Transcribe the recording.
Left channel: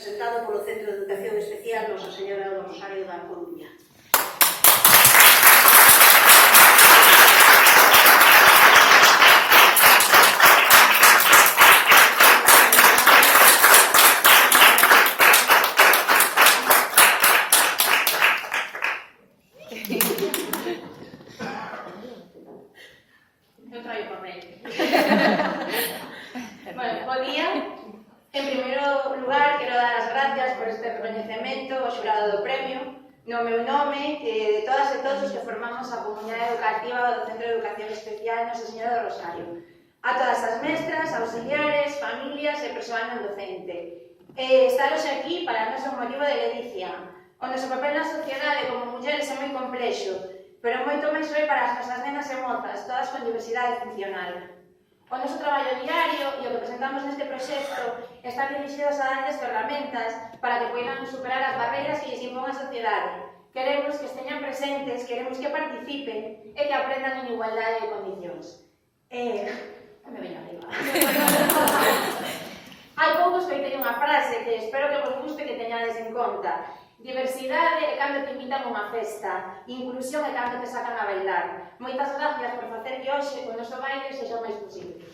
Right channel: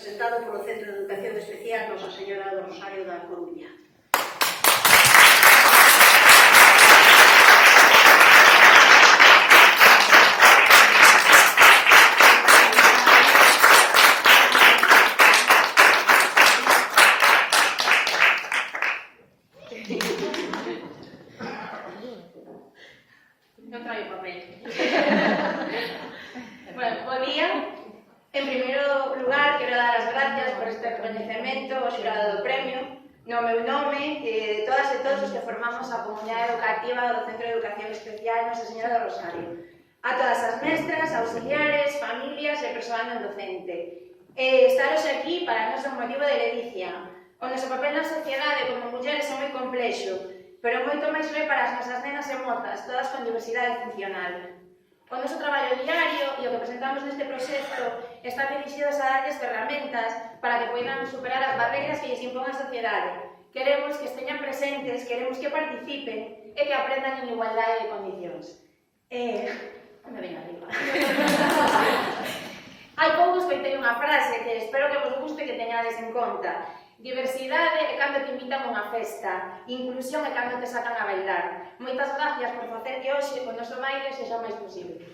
presentado polo Centro de Educación Especial Nosa Señora do Rosario da Coruña. Non traio papel. Bueno, bo día. En primeiro lugar, quero dar as gracias por este reconhecemento ao xurado do premio, no meu nome e de todas e todos os que formamos a comunidade educativa do Centro de Educación Especial Nosa Señora do Rosario. A todas as mestras, auxiliares, familias e persoal non docente. Estaros aquí para nós é un motivo de ledicia. O noso papel na sociedade como mulleres é moi complexo, pero moito máis é para as nosas nenas e mozas, todas con diversidade funcional. O noso traballo diario e o que presentamos neste proxecto están dirixidos a darles ferramentas para que poidan superar as barreiras que lles impón a sociedade. Queremos que esteñan presentes, queremos que participen e que aprendan en igualdade de condicións. Me veño arriba. Hai pouco escoitei unha frase que espero que vos guste que teñades en conta. Diversidade é cando te invitan a unha festa, inclusión é cando te sacan a bailar. Moitas gracias por facer que hoxe o noso baile sexa máis posible.